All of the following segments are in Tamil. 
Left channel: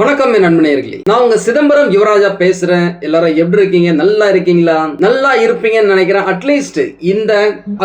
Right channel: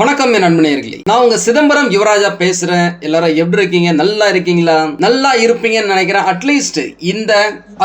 வணக்கம் என் நண்பனேர்களே நான் உங்க சிதம்பரம் யுவராஜா பேசுறேன். எல்லாரும் எப்படி இருக்கீங்க? நல்லா இருக்கீங்களா? நல்லா இருப்பீங்கன்னு நினைக்கிறேன். அட்லீஸ்ட் இந்த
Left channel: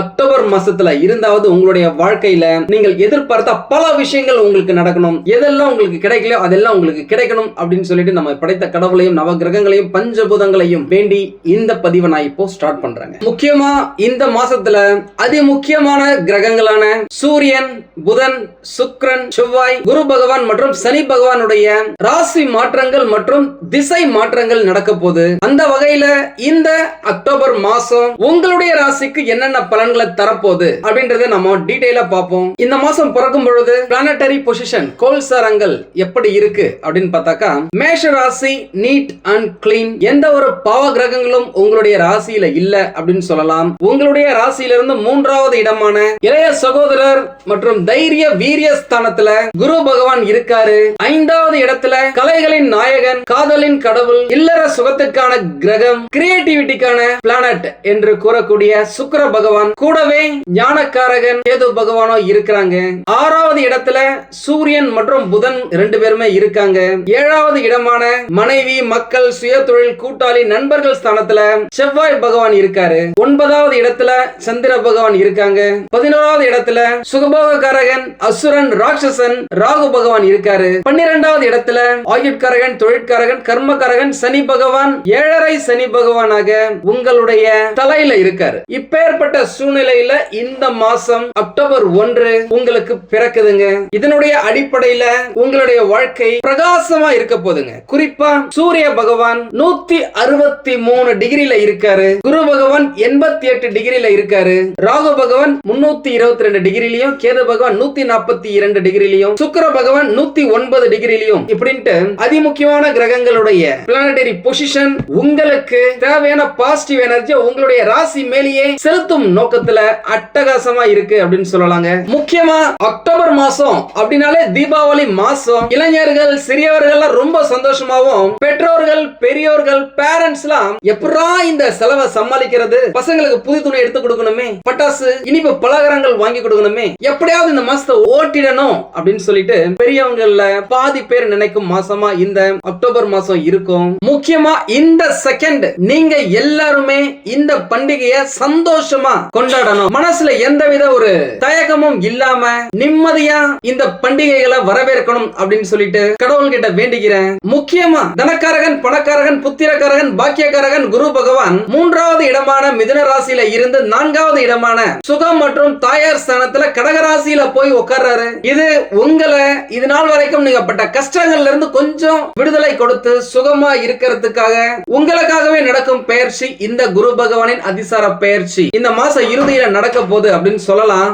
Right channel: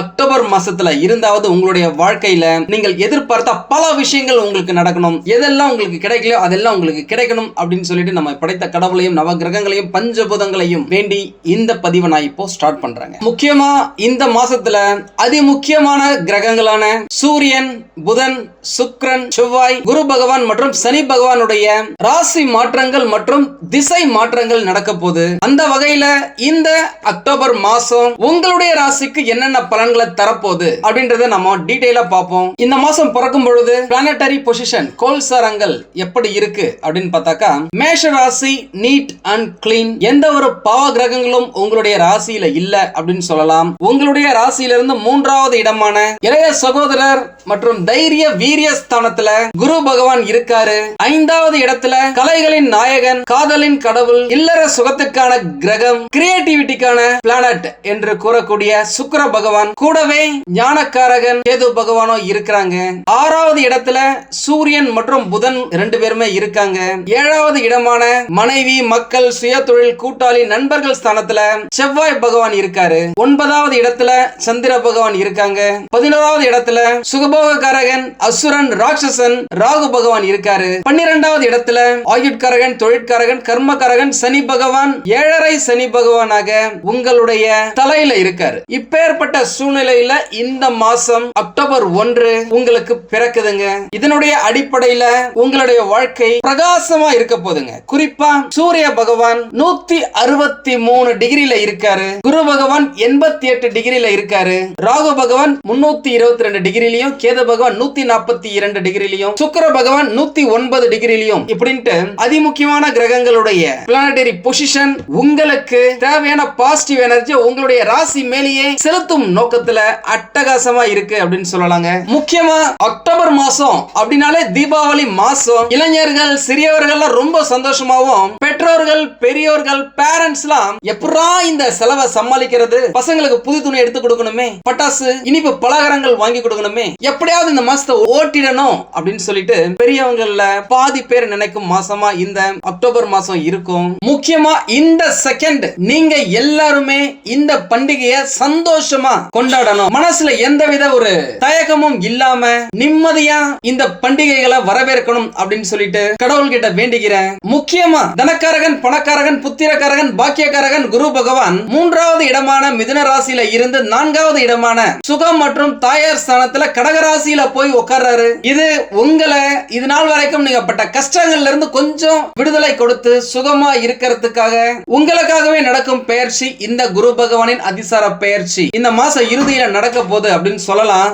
அக்டோபர் மாசத்துல இருந்தாவது உங்களுடைய வாழ்க்கையில நீங்கள் எதிர்பார்த்த பல விஷயங்கள் உங்களுக்கு நடக்கணும். எதெல்லாம் உங்களுக்கு கிடைக்கலையோ அதெல்லாம் உங்களுக்கு கிடைக்கணும் அப்படின்னு சொல்லிட்டு நம்ம படைத்த கடவுளையும் நவ கிரகங்களையும் பஞ்சபூதங்களையும் வேண்டி இந்த பதிவை நான் இப்போ ஸ்டார்ட் பண்றேங்க. முக்கியமா இந்த மாசத்துல அதி முக்கியமான கிரகங்களான சூரியன் புதன் சுக்ரன் செவ்வாய் குரு பகவான் மற்றும் சனி பகவானுடைய ராசி மாற்றங்கள் மற்றும் திசை மாற்றங்கள் நடக்க போகுது அந்த வகையில இந்த அக்டோபர் மாசம் உங்களுடைய ராசிக்கு என்னென்ன பலன்களை தரப்போகுது அப்படின்றத நம்ம டீட்டெயிலா பார்ப்போம். இந்த மாசம் பிறக்கும் பொழுது பிளானட்டரி பொசிஷன் கோல்சாரங்கள் எப்படி இருக்கு அப்படின்னு பார்த்தாக்கா மேஷ ராசி நீட் அண்ட் கிளீன் எந்த ஒரு பாவ கிரகங்களும் உங்களுடைய ராசியில இல்ல அப்படின்னு சொல்லலாம். உங்களுடைய ராசியிலிருந்து மூன்றாவது இடமான இளைய சகோதரர் மற்றும் தைரிய வீரிய ஸ்தானத்துல குரு பகவான் இருக்காரு. ஐந்தாவது இடத்துல இடத்துல கலைகளின் நாயகன் காதலின் கடவுள் இல்லற சுகத்துக்கான கிரகம் கிரியேட்டிவிட்டிக்கான பிளானட் என்று கூறக்கூடிய சுக்கர பகவான் கூடவே ஞானக்காரகன் கேது பகவானும் இருக்கிறாங்க. ஆறாவது இடத்துல சூரியன் மற்றும் புதன் ரெண்டு பேருமே இருக்காங்க. ஏழாவது இடமான மனைவி மக்கள் சுய தொழில் கூட்டாளி நண்பர்கள் ஸ்தானத்துல செவ்வாய் பகவான் இருக்காரு. ஒன்பதாவது இடத்துல சந்திர பகவான் இருக்காங்க. பதினோராவது இடத்துல சுகபோகக்காரகன் அசுரன் ராட்சசன் ராகு பகவான் இருக்காரு. பன்னிரெண்டாவது இடத்துல இடத்துல ஆயுட்கரகன் தொழிற்கரகன் கர்மகரகன் சனி பகவான் ஏழரை சனி பகவானாக உங்களுடைய தலையில இருக்காரு. இப்பேற்பட்ட சூழ்நிலையில இந்த மாசம் அக்டோபர் ஒன்று உங்களுக்கு பிறக்குதுங்க. இதனுடைய அடிப்படையில உங்களுடைய வாழ்க்கை பிரகாசமா இருக்க போதுங்க குறிப்பா சூரிய பகவான் நூத்தி அறுபத்தி மூணு டிகிரியில இருக்காரு. குரு பகவான் எண்பத்தி எட்டு டிகிரியில இருக்காரு. ராகு பகவான் முன்னூத்தி இருபத்தி ரெண்டு டிகிரிலையும் கேது பகவான் நூத்தி நாற்பத்தி இரண்டு டிகிரிலையும் சுக்கர பகவான் நூத்தி ஒன்பது டிகிரிலையும் இப்படி அப்படின்ட்டு அதிமுக்கியமான கிரகங்களுடைய பிளானட்டரி பொசிஷன் உங்களுக்கு தேவையான பாசிட்டிவ் எனர்ஜி உங்களுடைய ராசி மேலேயே செலுத்தும் நோக்கத்துல அட்டகாசமா இருக்கு அப்படின்னு சொல்லலாங்க. முக்கியமா அக்டோபர் மாசம் அப்படின்னாலே தீபாவளி மாசம். இளைஞர்கள் சிறியவர்கள் ரொம்ப சந்தோஷமாவும் பெற்றோர்கள் பெரியோர்கள் பேரண்ட்ஸ் எல்லாம் எப்படா இந்த செலவை சமாளிக்கிறது? பசங்களுக்கு புது துணி எடுத்து கொடுக்கணுமே? பட்டாசு இனிப்பு பலகாரங்கள் வாங்கி கொடுக்கணுமே? எப்படியாவது இந்த மாசத்தை ஓட்டிடணும் அப்படின்னு சொல்லிட்டு பெரியவங்கள பாதி பேர் நினைக்கும் இருக்கும் மாசமா இந்த அக்டோபர் மாசம் இருக்கும். முக்கியமா இந்த செகண்ட் நீங்க எல்லாருமே இந்த பண்டிகையை சந்தோஷமா கொண்டாடணும். மனசுல எந்தவித ஒரு தயக்கமும் இல்லாம நிம்மதியா இந்த பண்டிகைகளை வரவேற்கணும் அப்படின்னு சொல்லிட்டு கடவுள் கிட்ட வேண்டிக்கிறேன் முக்கியமா தனக்காரகன் பணக்காரகன் புத்திரக்காரகன் பாக்கியக்காரகன் குரு பகவான் மூன்றாவது இடமான மிதுன ராசியில இருந்து நான்காவது இடமான சுகம் மற்றும் தாயார் ஸ்தானத்துல கடகராசியில போய் உட்கார்றாரு. இது உங்களை இது நாள் வரைக்கும் நீங்க பட்ட கஷ்டங்கள் கஷ்டங்கள்ல இருந்து கொஞ்சம் விடுதலை கொடுத்து சுகமா இருக்கிறதுக்காக உங்களுக்காகவே நடக்கும் பெயர்ச்சி இந்த குரு பகவானின் அதிசார பெயர்ச்சி. இந்த மாசம் இறுதியில நடக்க போகுது அப்படின்னு சொல்லலாம்.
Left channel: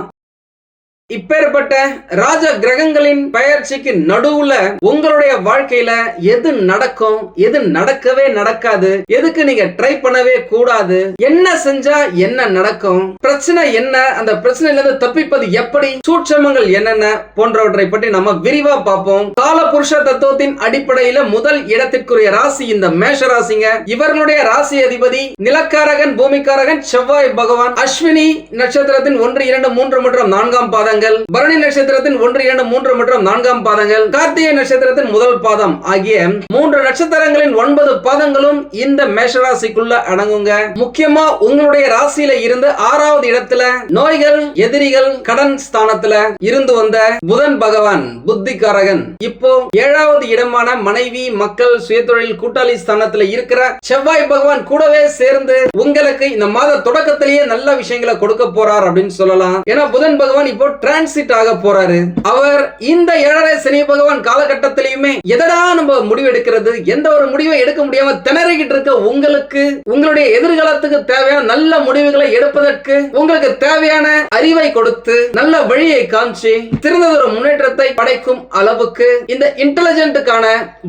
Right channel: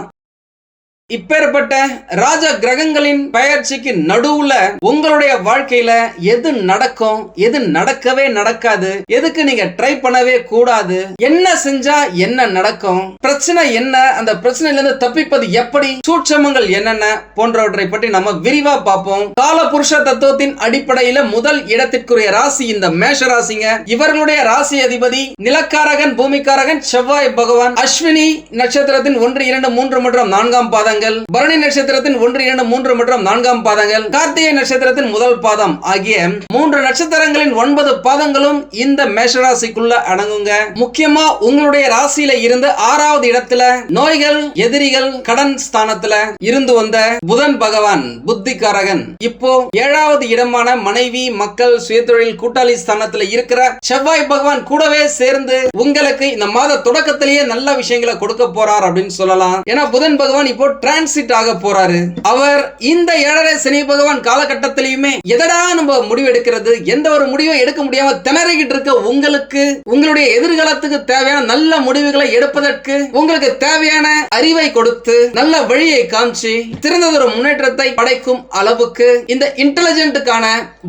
இப்பேற்பட்ட ராஜ கிரகங்களின் பயிற்சிக்கு நடுவுல உங்களுடைய வாழ்க்கையில எது நடக்கும் எது நடக்கவே நடக்காது எதுக்கு நீங்க ட்ரை பண்ணவே கூடாது என்ன செஞ்சா என்ன நடக்கும் பிரச்சனை என்ன அந்த பிரச்சனையில இருந்து தப்பிப்பது எப்படி சூட்சமங்கள் என்னென்ன போன்றவற்றை பற்றி நம்ம விரிவா பார்ப்போம். கால புருஷ தத்துவத்தின் அடிப்படையில முதல் இடத்திற்குரிய ராசி இந்த மேஷ ராசிங்க. இவர்களுடைய ராசி அதிபதி நிலக்காரகன் பூமிக்காரகன் செவ்வாய் பகவான் அஸ்வினி நட்சத்திரத்தின் ஒன்று இரண்டு மூன்று மற்றும் நான்காம் பாதங்கள் பரணி நட்சத்திரத்தின் ஒன்று இரண்டு மூன்று மற்றும் நான்காம் பாதங்கள் கார்த்திகை நட்சத்திரத்தின் முதல் பாதம் ஆகிய மூன்று நட்சத்திரங்களின் ஒன்பது பாதங்களும் இந்த மேஷராசிக்குள்ள அடங்குங்க. முக்கியமா உங்களுடைய ராசியில இருந்து ஆறாவது இடத்துல நோய்கள் எதிரிகள் கடன் ஸ்தானத்துல இருந்து வந்த புதன் பகவான் புத்திகாரகன் இப்போ ஏழாவது இடமான மனைவி மக்கள் சுயதொழில் கூட்டாளி ஸ்தானத்துல இருக்கிற செவ்வாய் பகவான் கூடவே சேர்ந்து உங்களுக்கு இந்த மாத தொடக்கத்திலேயே நல்ல விஷயங்களை கொடுக்க போறார் அப்படின்னு சொல்லலாம். ஏன்னா புதன் பகவான் இப்போ டிரான்சிட் ஆக போறாரு. அவர் இந்த ஏழரை சனி பகவான் காலகட்டத்திலையுமே எதனா நம்ம முடிவு எடுக்கிறது எந்த ஒரு முடிவும் எடுக்க முடியாம திணறிக்கிட்டு இருக்க உங்களுக்கு உங்களுடைய எதிர்காலத்துக்கு தேவையான நல்ல முடிவுகளை எடுப்பதற்கு உங்களுக்கு தேவையான அறிவை கொடுத்து நல்ல வழியை காமிச்சு சிறந்ததொரு முன்னேற்றத்தை படைக்கும் அளவுக்கு இந்த இன்டெலிஜென்ட்டுக்கான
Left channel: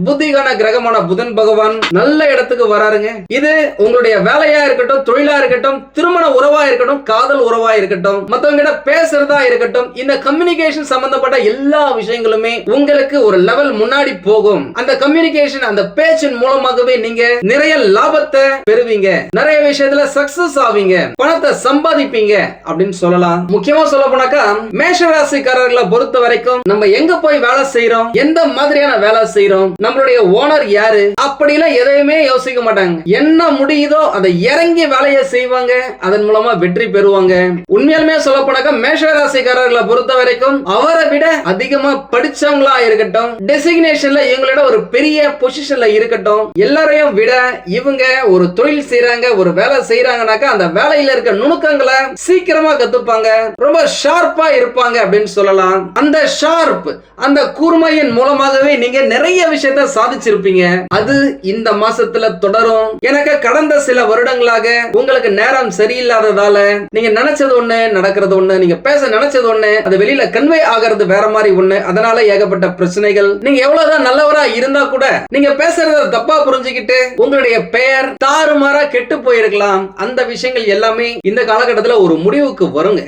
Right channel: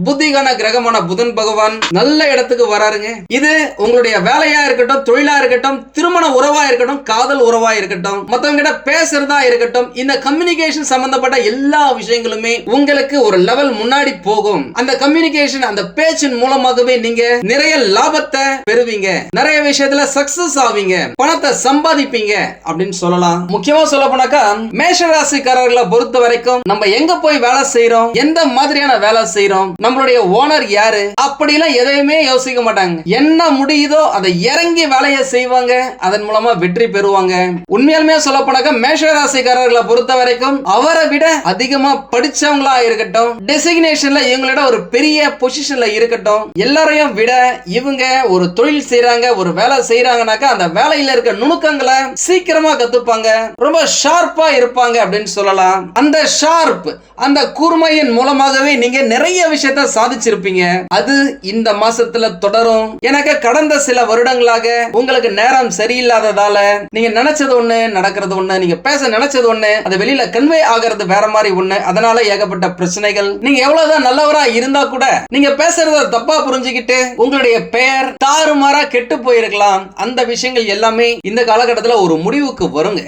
புத்திகான கிரகமான புதன் பகவான் நல்ல இடத்துக்கு வராருங்க. இது உங்களுடைய வேலையா இருக்கட்டும் தொழிலா இருக்கட்டும் திருமண உறவா இருக்கட்டும் காதல் உறவா இருக்கட்டும் மத்தவங்க கிட்ட பேசுறதா இருக்கட்டும் வரைக்கும் இந்த கம்யூனிகேஷன் சம்பந்தப்பட்ட எல்லா விஷயங்களுமே உங்களுக்கு ஒரு லெவல் முன்னாடி போகும். அந்த கம்யூனிகேஷன் அந்த பேச்சின் மூலமாகவே நீங்க நிறைய லாபத்தை பெறுவீங்க. நிறைய விஷயத்துல சக்சஸ் ஆவீங்க. பணத்தை சம்பாதிப்பீங்க அப்படின்னு சொல்லலாம். முக்கியமா சொல்ல போனாக்கா மேஷ ராசிக்காரர்களை பொறுத்த வரைக்கும் நம்ம எங்க போய் வேலை செய்யறோம் எந்த மாதிரியான வேலை செய்யறோம் நம்மளுடைய ஓனர் யாரு? அப்படிலாம் எதையுமே யோசிக்க மாட்டாங்க. என்ன முடியுதோ அதை இறங்கி வேலையை செய்வாங்க. அதன் மூலமா வெற்றி பெறுவாங்க. உண்மையாலுமே சொல்ல போனாக்கா மேஷ ராசிக்காரர்கள் பொறுத்த வரைக்கும் அவரை விட அதிகமா படிச்சவங்களா இருக்கட்டும் டெசிக்னேஷன்ல இவங்களோட ஒரு பெரிய பொசிஷன்ல இருக்கட்டும் எல்லாரையும் விட இவங்க ஒரு தொழில் செய்யறாங்க ஒரு வேலை செய்யறாங்கனாக்கா அந்த வேலையில இருக்க நுணுக்கங்களை சீக்கிரமா கத்துப்பாங்க. ரொம்ப ஷார்ப்பா இருப்பாங்க அப்படின்னு சொல்லலாம். அந்த ஷார்ப் அந்த கூர்மையின் மூலமாகவே நீங்க நிறைய விஷயத்த சாதிச்சிருப்பீங்க. அது இந்த மாசத்துல தொடரும். எனக்கு கடந்த சில வருடங்களாக உங்களுக்கு நேரம் சரியில்லாததால நீங்க நினைச்சது ஒண்ணு நடக்கிறது ஒண்ணு நீங்க பேச நினைச்சது ஒண்ணு அது வெளியில கன்வே ஆகிறது வேற மாதிரி ஒண்ணு அதனால ஏகப்பட்ட பிரச்சனைகள். நீங்க எவ்வளவுதான் நல்லவரா இருந்தா கூட நீங்க பேசுறத தப்பா புரிஞ்சுக்கிட்டு உங்களுடைய பெயர் தாறுமாறா கெட்டு போயிருக்கலாம். அந்த விஷயங்கள் எல்லாமே இந்த காலகட்டத்துல ஒரு முடிவுக்கு வருங்க.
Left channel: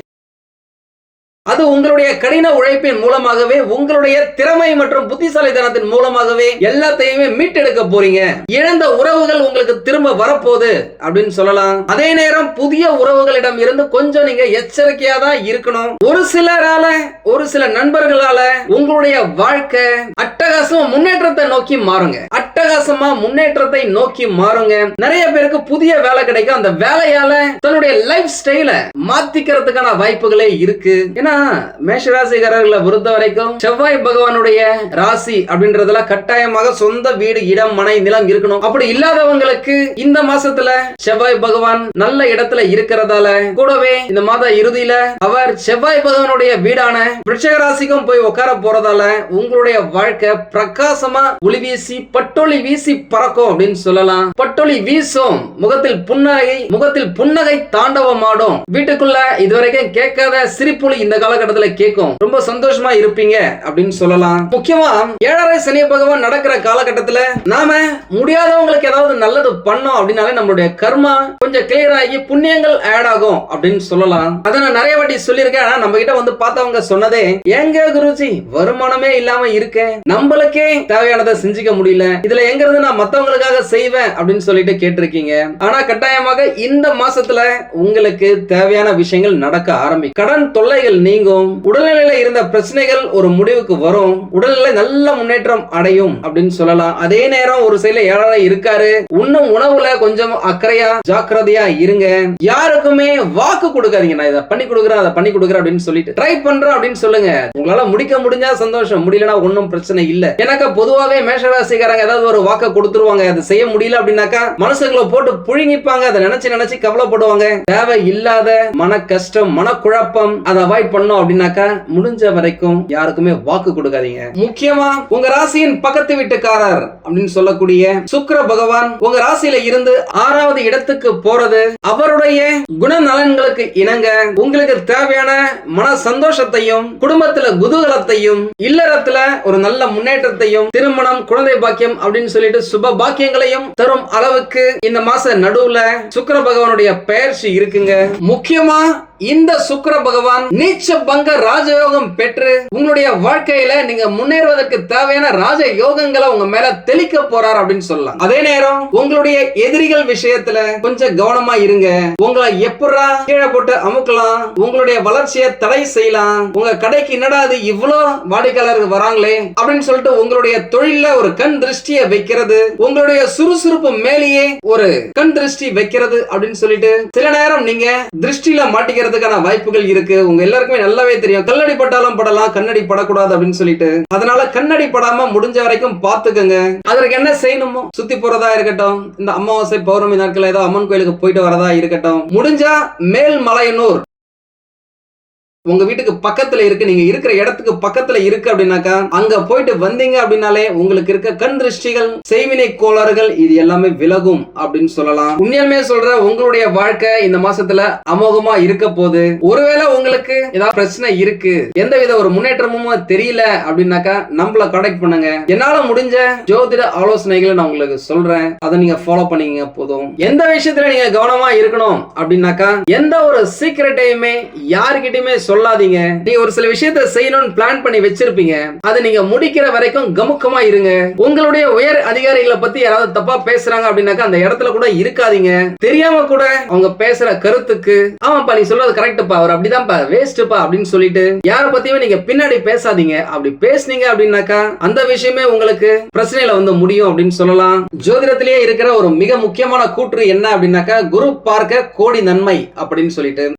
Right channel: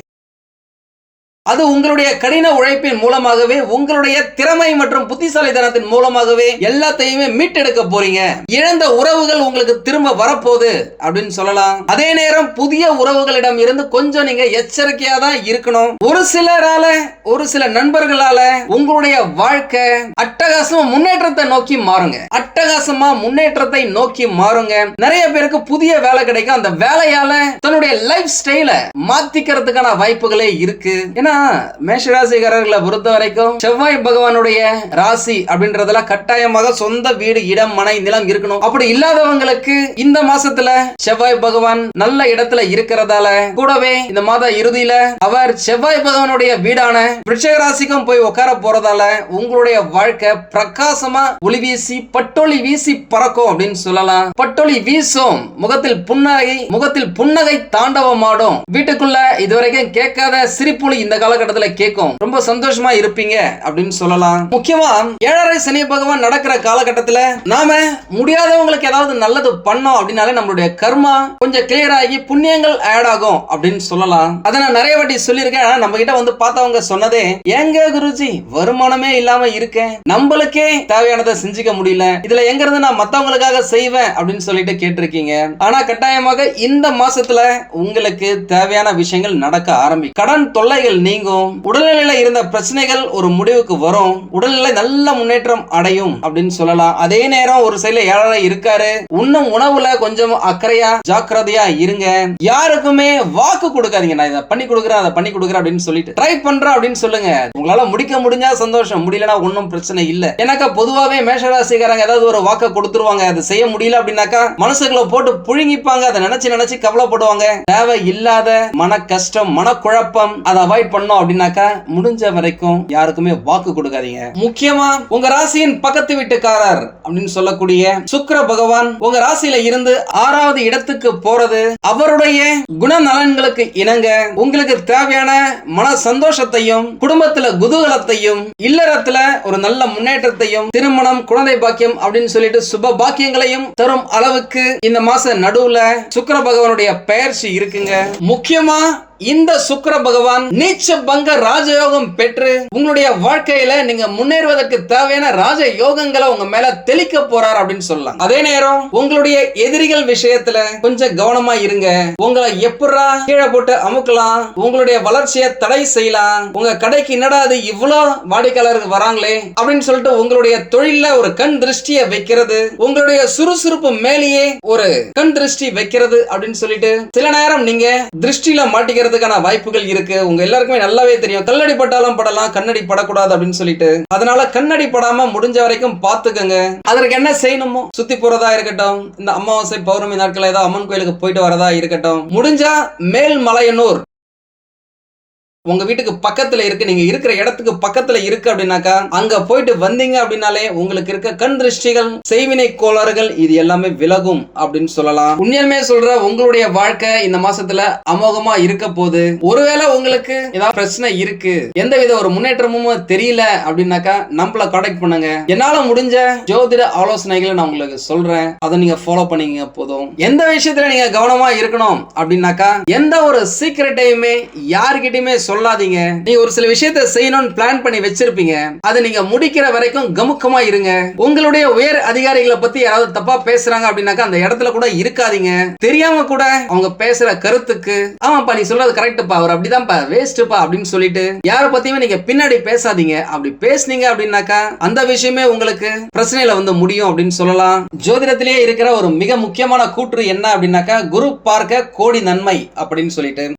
அது உங்களுடைய கடின உழைப்பின் மூலமாகவே உங்களுடைய திறமை மற்றும் புத்திசாலித்தனத்தின் மூலமாகவே எல்லாத்தையுமே மீட்டெடுக்க போறீங்க. இழந்த உறவுகள் உங்களுக்கு திரும்ப வரப்போகுது அப்படின்னு சொல்லலாம். அதே நேரம் புதிய உறவுகளிடம் இருந்து கொஞ்சம் நீங்க எச்சரிக்கையா தான் இருக்கணும். ஒரு சிலரால ஒரு சில நண்பர்களால உங்களுடைய வாழ்க்கை அட்டகாசமா முன்னேற்றத்தை நோக்கி மாறுங்க. அட்டகாசமா முன்னேற்றத்தை நோக்கி மாறுங்க. நிறைய பேருக்கு புதிய வேலை கிடைக்கும். அந்த வேலையால தன்னுடைய லைஃப் ஸ்டைல மாத்திக்கிறதுக்கான வாய்ப்புகளே இருக்கு. ஏன்னா மேஷராசிகாரர்களை பொறுத்த வரைக்கும் செவ்வாய் பகவானுடைய ராசி அப்படின்றதுல கட்டாயமாக சொந்த வீடு இடம் மனை நிலம் இருக்கணும். அப்படி இல்லாதவங்களுக்கு இந்த மாசத்துல செவ்வாய் பகவான் நல்ல இடத்துல இருக்கிறதால கூடவே இந்த மாத இறுதியில அவர் செவ்வாய் பகவானுடைய வீடான விருட்சக ராசிக்கும் போய் உட்கார போறதால உங்களுடைய வாழ்க்கை பிரகாசமா ஒளி வீசி பட்டொளி வீசி பறக்கும் அப்படின்னு சொல்லலாம். பட்டொளி வீசும். முகத்தில் புன்னகை முகத்தில் புன்னகை தாண்டவமாடும். வீட்டுக்குள்ள இதுவரைக்கும் கேட்காத சிரிப்புலி இந்த காலகட்டத்தில் கேட்கும் ரொம்ப சந்தோஷமா இருப்பீங்க அப்படின்னு சொல்லலாம். முக்கியமா ஏழரை சனி பகவான் நடக்கிற காலகட்டத்துல நாம முடியாதவங்களுக்கு ஏதாவது நல்லது பண்ணோம் அப்படின்னாலே நம்மளுடைய கர்மா கொஞ்சம் கிளியர் ஆகி புண்ணியங்கள் ஆட் ஆகும் அப்படின்னு சொல்லலாம். அதை நான் நிறைய வாட்டி சொல்லியிருக்கேன். ஆனா நம்ம கிட்ட வந்து பார்த்தவங்க சொன்னதே எங்க குருஜி வருமானமே இல்லாம இருக்கேன். நம்மளுக்கே தேவையானதை செஞ்சுக்க முடியல. இதுல எங்க இருந்து நான் மத்தவங்களுக்காக செய்வேன்? அப்படின்னு சொல்லிட்டு கேட்டிருக்கீங்க. ஆனா கட்டாயமாக இந்த மாசத்துல உங்களுக்கு தேவையான விஷயங்கள் நடக்க ஆரம்பிக்கும். கடன் தொல்லைகள் நீங்கும். உடல்நிலையில இருந்த பிரச்சனைகள் ஒரு முடிவுக்கு வரும். உடல்நிலை நல்ல முன்னேற்றம் அடையும் அப்படின்னு சொல்லலாம். அதே நேரம் ஒரு சைடுல ஏழரை இருக்காரு? உண்ணும் உணவுல கொஞ்சம் அக்கறையா ஜாக்கிரதையா இருங்க. யாருக்குமே வாக்கு கொடுக்காதீங்க. நான் இதை பண்ணி கொடுக்குறேன் அதை பண்ணி கொடுக்குறேன் அப்படின்னு சொல்லிட்டு ட்ரை பண்றேன் அப்படின்னு சொல்லுங்க. உங்களால முடிக்க முடிஞ்சா சந்தோஷம். முடியலனா ஒன்றும் பிரச்சனை இல்ல. எனக்கு பொதுவாகவே மேஷராசிக்காரங்க ஏதாவது ஒரு வாக்க கொடுத்துருவாங்க. அதை செய்ய முடியல அப்படின்னாக்கா மனசுகளை போட்டு புழுங்கிப்பாங்க. அதை நினைச்சு நினைச்சு கவலைப்படுவாங்க. தேவை இல்லாத மன கஷ்டம் மன குழப்பம் அதை அவாய்ட் பண்ண பண்ணணும் அப்படின்னாக்கா முடிஞ்ச வரைக்கும் யாருக்குமே வாக்கு கொடுக்காதீங்க. முக்கியமா உங்க ராசியின் பக்கத்து வீட்டுக்காரர் அப்படின்னு சொல்லக்கூடிய சுக்கிர பகவான் உங்க ராசியில இருந்து ஆறாவது இடத்துக்கு போறது அவருடைய குணநலன்களுக்கு இணங்க உங்களுக்கு தேவையான மன சந்தோஷத்தையும் குடும்பத்துல குதூகலத்தையும் இல்லறத்துல ஒரு நல்ல முன்னேற்றத்தையும் திருமணம் குழந்தை பாக்கியம் அப்படின்னு சொல்லிட்டு சுப பாக்கியங்களையும் தரும் அளவுக்கு இந்த மாச நடுவுல சுக்கர பகவானுடைய பெயர்ச்சி இருக்குங்க. முக்கியமா இந்த சுக்கிர பகவான் நீச்ச பங்க ராஜயோகம் பெற்று உங்களுடைய வாழ்க்கையில நீங்க முன்னேறுவதற்கு தேவையான ராஜ யோகங்களை உங்க மேல தெளிக்க போறார் அப்படின்னு சொல்லலாம். அதே நேரம் உங்களுடைய எதிரிகள் விஷயத்துல கொஞ்சம் கவனமா இருங்க. உங்களை எப்படா கீழே போட்டு அமுக்கலாம். உங்களுடைய வளர்ச்சியை தடை செய்யலாம். உங்க கடைக்கு என்னடா அது இவ்வளவு வாடிக்கையாளர்கள் வராங்களே அப்படின்னு சொல்லிட்டு உங்களுடைய தொழில ஒரு கண் திருஷ்டியை வைக்கிறது. உங்களுடைய சுறுசுறுப்பு மேலேயே ஒரு கண் திருஷ்டி வைக்கிறது அப்படின்னு சொல்லிட்டு சில நேரம் நீங்க திருஷ்டியில மாட்டிக்கிறதுக்கான வாய்ப்புகள் இருக்கு. உங்க எல்லாருக்குமே நல்லாவே தெரியும். கல்லடி பட்டாலும் படலாம் கண்ணடி படக்கூடாது அப்படின்னு சொல்லிட்டு. அதனால கண்ணடி படாம முடிஞ்ச வரைக்கும் பாத்துக்கங்க. அதற்கு என்ன செய்யணுமோ? சுத்தி போறதா இருக்கட்டும். இந்த அமாவாசை பௌர்ணமி நாட்கள் ஏதாவது அம்மன் கோயிலுக்கு போயிட்டு வரதா இருக்கட்டும். முடிஞ்சா மேல் மலையனூர் உங்க வீட்டுக்கு பக்கத்துல இருக்கு நீங்க இருக்கிற இடத்துக்கு பக்கத்துல இருக்கு அப்படின்னாக்கா அங்க போயிட்டு வந்தீங்க அப்படின்னாலே உங்களுக்கு இருக்க கண் திருஷ்டிகள் செய்வினை கோளாறுகள் இது எல்லாமே விலகும் அப்படின்னு சொல்லலாம். உண்மையாலுமே சொல்ற உங்களுடைய வாழ்க்கை இந்த மாசத்துல அமோகமா இருக்க போது ஒருவேளை உங்களுக்கு ஏதாவது பிரச்சனை இருக்கு எந்த வித ஒரு முன்னேற்றமும் தெரியல அப்படின்னாக்கா நம்மள கான்டாக்ட் பண்ணுங்க. என்னால முடிஞ்ச ஜோதிட ஆலோசனைகளை நான் உங்களுக்கு சொல்றேன். அதை நீங்க ஃபாலோ பண்ணீங்க போதும். எந்த விஷயத்துல நீங்க கவனமா இருக்கணும் அப்படின்னாக்கா எந்த ஒரு சீக்கிரட்டையுமே யாருக்கிட்டையுமே சொல்ல சொல்லாதீங்க. நீங்க ஒரு சில விஷயத்த செய்யணும்னு பிளான் பண்ணி வச்சிருப்பீங்க. அதை நீங்க முடிக்கிற வரைக்கும் கமுக்கமா இருங்க. உங்களுடைய உயர் அதிகாரிகளை பத்தி யாராவது தப்பா பேசுறாங்க அப்படின்னாக்கா அந்த இடத்துல கூட இருக்காதீங்க. தெரியாம கூட அவங்க பேசுற கருத்துக்கு ஆமாப்பா நீ சொல்றது கரெக்ட்ப்பா அவர் அப்படிதான்ப்பா வேஸ்ட்ப்பா அப்படின்னு சொல்லிட்டு யார பத்தியுமே நீங்க பின்னாடி பேசாதீங்க. அப்படி பேசுனீங்க அப்படின்னாக்கா அந்த விஷயமே உங்களுக்கு பிரச்சனையில வந்து முடியும் அப்படின்னு சொல்லலாம். ஜோதிடத்திலேயே இருக்கிற ஒரு மிக முக்கியமான கூற்று என்ன அப்படின்னாக்கா குரு பார்க்க கோடி நன்மை அப்படின்னு சொல்லிட்டு.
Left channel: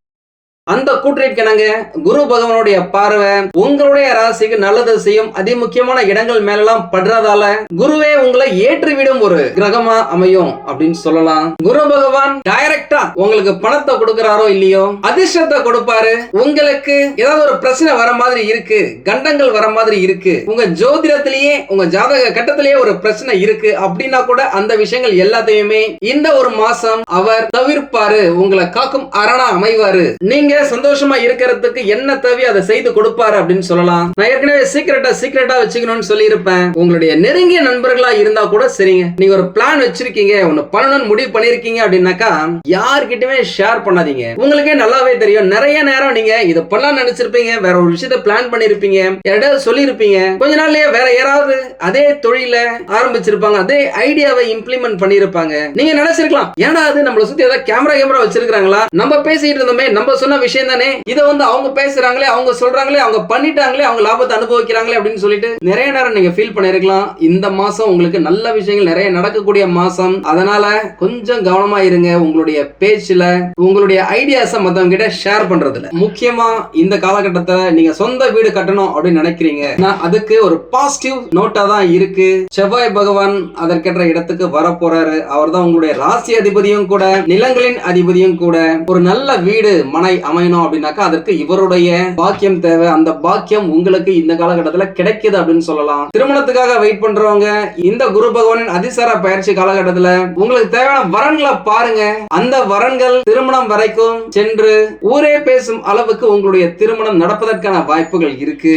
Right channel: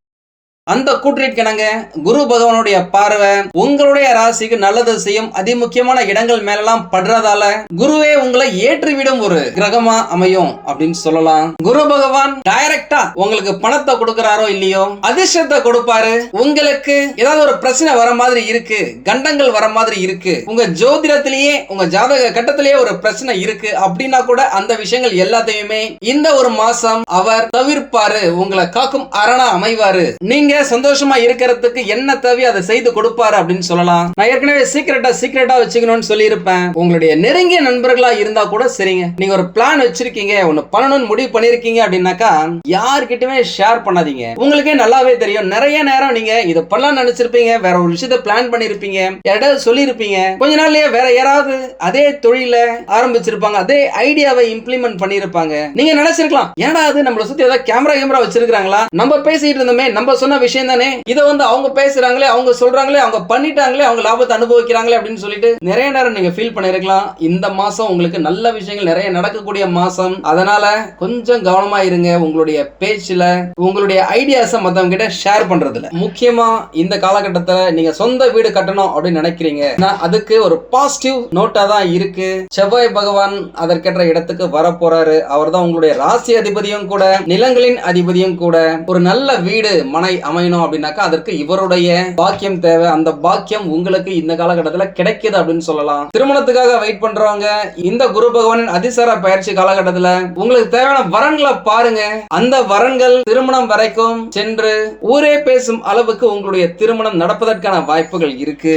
அந்த கூற்றிற்கிணங்க குரு பகவானுடைய பார்வை உங்களுடைய ராசிக்கு நல்லது செய்யும் அதி முக்கியமான இடங்கள் மேலாம் படுறதால குருவே உங்களை ஏற்றிவிடும் ஒரு கிரகமா அமையும் அப்படின்னு சொல்லலாம். குரு பகவான் டைரக்டா உங்களுக்கு பணத்தை கொடுக்கறாரோ இல்லையோ அதிர்ஷ்டத்தை கொடுப்பாரு. உங்களுக்கு ஏதாவது ஒரு பிரச்சனை வர மாதிரி இருக்கு கண்டங்கள் வர மாதிரி இருக்கு உங்க ஜோதிடத்திலேயே உங்க ஜாதக கட்டத்திலேயே ஒரு பிரச்சனை இருக்கு அப்படின்னா கூட அந்த விஷயங்கள் எல்லாத்தையுமே இந்த ஒரு மாசம் அவர் தவிர்ப்பாரு உங்களை காக்கும் அரணா அமைவாரு. நீங்க சந்தோஷமா இருக்கிறதுக்கு என்ன தேவையோ அதை செய்து கொடுப்பாரு அப்படின்னு சொல்லலாம். நான் ஏற்கனவே சீக்கிரட்டா சீக்கிரட்டா வச்சுக்கணும்னு சொல்லியிருப்பேன். உங்களுடைய நெருங்கிய நண்பர்களா இருந்தா கூட சரிங்க. நீங்க ஒரு பிளான் வச்சிருக்கீங்க ஒன்னு பண்ணணும்னு முடிவு பண்ணிருக்கீங்க அப்படின்னாக்கா யார்கிட்டயுமே ஷேர் பண்ணாதீங்க. உங்களுக்கே நல்லாவே தெரியும். நிறைய நேரம் நீங்க இதை பண்ணலாம் நினைச்சிருப்பீங்க வேற ஒரு விஷயத்த பிளான் பண்ணிருப்பீங்க யாராவது சொல்லியிருப்பீங்க. கொஞ்ச நாள்லயே வேற யாராவது அதே தொழில ஆரம்பிச்சிருப்பாங்க அதே ஐடியாவை இம்ப்ளிமெண்ட் பண்ணிருப்பாங்க நீங்க நினைச்சிருக்கலாம் ஏன்னா அது நம்மள சுத்தி ஏதாவது கேமரா கேமரா வச்சிருக்காங்களா நம்ம பேசிட்டு இருந்தோமே நம்ம சொன்ன விஷயம் தானே இதை வந்து அவங்க பேசுறாங்களே அவங்க சொல்றாங்களே அவங்க பண்ணிட்டாங்களே அவங்க லாபத்தை அனுபவிக்கிறாங்களே அப்படின்னு சொல்லிட்டு நிறைய நேரம் நீங்க ஃபீல் பண்ணிருக்கலாம் இந்த மாசம் உங்களுக்கு நல்ல விஷயங்கள் நிறைய நடக்கக்கூடிய மாசம். அதனால கொஞ்சம் கவனமா இருங்க உங்களுடைய பேச்சுல உங்களுடைய ஐடியாஸை மத்தவங்க கிட்ட ஷேர் பண்றதுல. முக்கியமா இந்த காலகட்டத்துல நீங்க சொந்த வீடு கட்டணும் அப்படின்னு நினைக்கிறீங்க. அதுக்கு ஒரு பாசிட்டிவ் நோட்டா தான் இருக்கு. செவ்வாய் பகவான் அதற்கேற்ற இடத்துக்கு வர போறாரு அவர் தான் உங்களுடைய ராசி அதிபதியும் கூட நிலங்களின் அதிபதியும் கூட. ஒரு நல்ல வீடு மனை அமையணும் அப்படின்னாக்கா அதற்கு இவருடைய பாக்கியம் தேவை. அந்த பாக்கியம் உங்களுக்கு இந்த காலகட்டத்தில் கிடைக்குது அப்படின்னு சொல்லலாம். திருமணத்துக்காக வெயிட் பண்றவங்க இந்த குரு பகவானின் அதிசார பயிற்சி காலகட்டத்தில் உங்களுக்கு தேவையான வரன்களை பாருங்க. அந்த வரன்கள் திருமணம் வரைக்கும் சென்று ஊரே பேசும் அளவுக்கு உங்களுடைய திருமணம் நடப்பதற்கான வாய்ப்புகள் இருக்கு.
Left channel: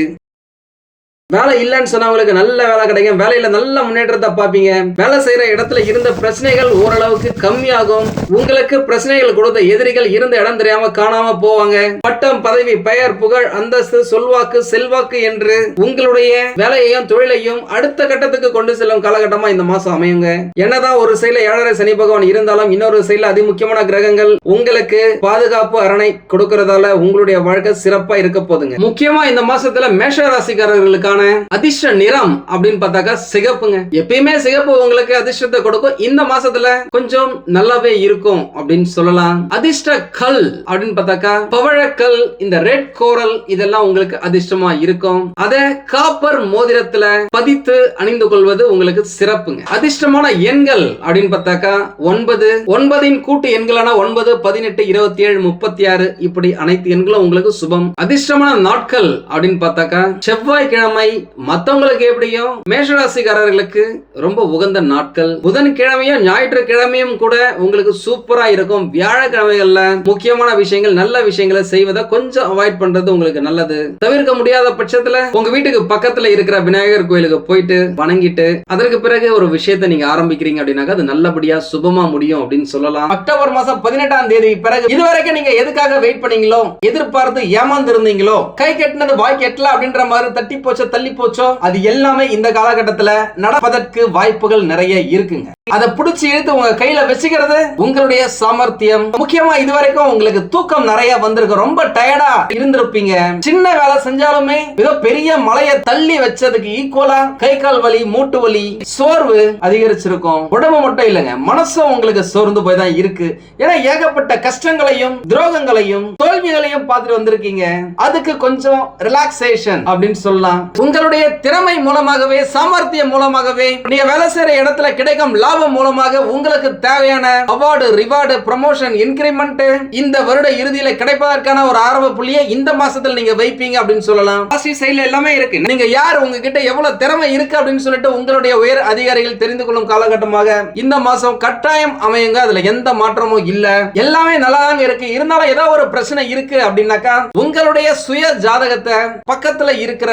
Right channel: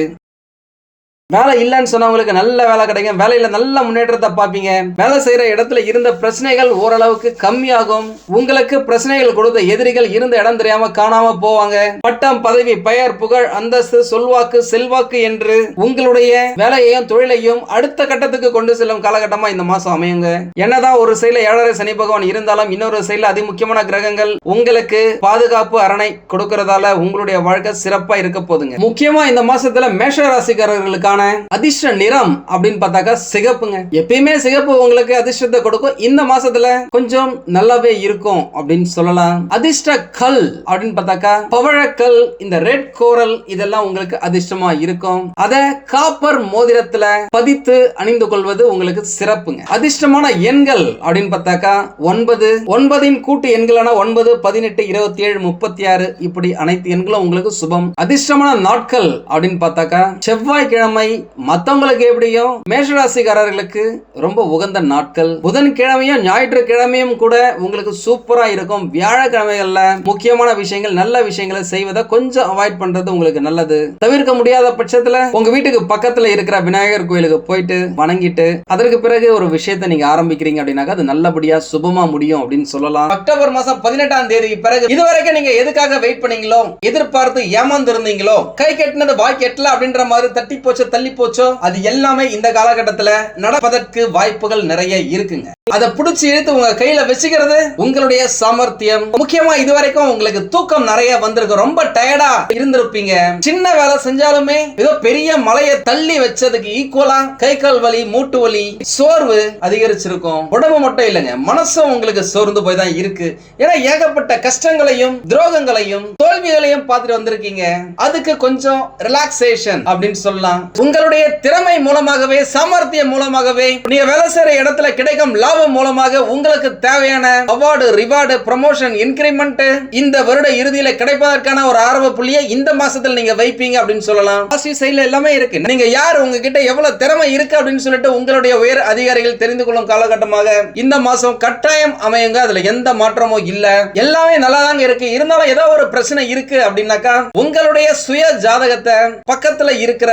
வேலை இல்லைன்னு சொன்னவங்களுக்கு நல்ல வேலை கிடைக்கும். வேலையில நல்ல முன்னேற்றத்தை பார்ப்பீங்க. வேலை செய்யற இடத்துல இருந்த பிரச்சனைகள் ஓரளவுக்கு கம்மியாகும். உங்களுக்கு பிரச்சனைகள் கொடுத்த எதிரிகள் இருந்த இடம் தெரியாம காணாம போவாங்க. பட்டம் பதவி பெயர் புகழ் அந்தஸ்து சொல்வாக்கு செல்வாக்கு என்று உங்களுடைய வேலையையும் தொழிலையும் அடுத்த கட்டத்துக்கு கொண்டு செல்லும் காலகட்டமா இந்த மாசம் அமையுங்க. என்னதான் ஒரு சைடுல ஏழரை சனி பகவான் இருந்தாலும் இன்னொரு சைடுல அதிமுக்கியமான கிரகங்கள் உங்களுக்கு பாதுகாப்பு அரணை கொடுக்கறதால உங்களுடைய வாழ்க்கை சிறப்பா இருக்க போதுங்க முக்கியமா இந்த மாசத்துல மேஷ ராசிக்காரர்களுக்கான அதிர்ஷ்ட நிறம் அப்படின்னு பார்த்தாக்கா சிகப்புங்க. எப்பயுமே சிகப்பு உங்களுக்கு அதிர்ஷ்டத்தை கொடுக்கும். இந்த மாசத்துல கொஞ்சம் நல்லாவே இருக்கும் அப்படின்னு சொல்லலாம். அதிர்ஷ்ட கல் அப்படின்னு பார்த்தாக்கா பவழக்கல் இந்த ரெட் கோரல் இதெல்லாம் உங்களுக்கு அதிர்ஷ்டமா இருக்கும். அத காப்பர் மோதிரத்துல பதித்து அணிந்து கொள்வது உங்களுக்கு சிறப்புங்க. அதிர்ஷ்டமான எண்கள் அப்படின்னு பார்த்தாக்கா ஒன்பது. ஒன்பதின் கூட்டு எண்களான ஒன்பது பதினெட்டு இருபத்தி ஏழு முப்பத்தி ஆறு இப்படி அனைத்து எண்களும் உங்களுக்கு சுபம். அதிர்ஷ்டமான நாட்கள் அப்படின்னு பார்த்தாக்கா செவ்வாய்க்கிழமை மத்தவங்களுக்கு எப்படியும் மேஷராசிக்காரர்களுக்கு ரொம்ப உகந்த நாட்கள். புதன்கிழமையும் ஞாயிற்றுக்கிழமையும் கூட உங்களுக்கு சூப்பரா இருக்கும். வியாழக்கிழமைகள்ல முக்கியமான விஷயங்கள் நல்ல விஷயங்களை செய்வதை கொஞ்சம் அவாய்ட் பண்றது உங்களுக்கு நல்லது. தவிர்க்க முடியாத பட்சத்துல உங்க வீட்டுக்கு பக்கத்துல இருக்கிற விநாயகர் கோயிலுக்கு போயிட்டு வணங்கிட்டு அதற்கு பிறகு ஒரு விஷயத்தை நீங்க ஆரம்பிக்கிறீங்க அப்படின்னாக்கா அது நல்லபடியா சுபமா முடியும் அப்படின்னு சொல்லலாம். அக்டோபர் மாசம் பதினெட்டாம் தேதி பிறகு இதுவரைக்கும் நீங்க எதுக்காக வெயிட் பண்ணீங்களோ எதிர்பார்த்து ஏமாந்து இருந்தீங்களோ கை கட்டினது வாய் கெட்டல அப்படின்ற மாதிரி தட்டி போச்சோ தள்ளி போச்சோ? அது எல்லாமே இந்த காலகட்டத்துல நடப்பதற்கு வாய்ப்புகள் நிறைய இருக்குங்க. அதை புடிச்சு இழுத்து உங்க கையில வச்சுக்கிறது உங்களுடைய சாமர்த்தியம். முக்கியமா இதுவரைக்கும் உங்களுக்கு தூக்கம் நிறைய வந்திருக்கு. ரொம்ப டயர்டா இருந்திருப்பீங்க. சின்ன வேலை செஞ்சாலுமே மிக பெரிய மலையை தள்ளி வச்சதுக்கு ஈக்குவலா கை கால் வலி மூட்டு வலி சோர்வு அதிகரிச்சிருக்கும். உடம்பு மட்டும் இல்லைங்க. மனசும் உங்களுக்கு சோர்ந்து போய் தான் இருக்கு. ஏன்னா ஏகப்பட்ட கஷ்டங்களையும் துரோகங்களையும் தோல்விகளையும் பார்த்துட்டு வந்திருக்கீங்க. அதுக்கு கொஞ்சம் ரிலாக்ஸேஷன் அப்படின்னு சொல்லலாம். உங்களுடைய திறமை மூலமாகவே சாமர்த்தியம் மூலமாகவே நீங்க வேலை செய்யற இடத்துல கிடைக்கும் லாபம் மூலமாக உங்களுக்கு தேவையான அவார்டு ரிவார்டு ப்ரமோஷன் இன்கிரிமெண்ட் இந்த வருட இறுதியில கிடைப்பதற்கான ஒரு ஆரம்ப புள்ளியை இந்த மாசத்துல நீங்க வைப்பீங்க அப்படின்னு சொல்லலாம். பாசிட்டிவ் சைட்ல எல்லாமே இருக்கு. நீங்க யார்? உங்ககிட்ட எவ்வளவு திறமை இருக்கு அப்படின்னு சொல்லிட்டு உங்களுடைய உயர் அதிகாரிகள் தெரிந்து கொள்ளும் காலகட்டமாக இந்த மாசம் கட்டாயம் அமையுங்க. அதுல எந்த மாற்றமும் இல்ல. எல்லாமே நல்லா தாங்க இருக்கு. இருந்தாலும் ஏதோ ஒரு பிரச்சனை இருக்கு அப்படின்னாக்கா உங்களுடைய சுய ஜாதகத்தை பக்கத்துல இருக்கிற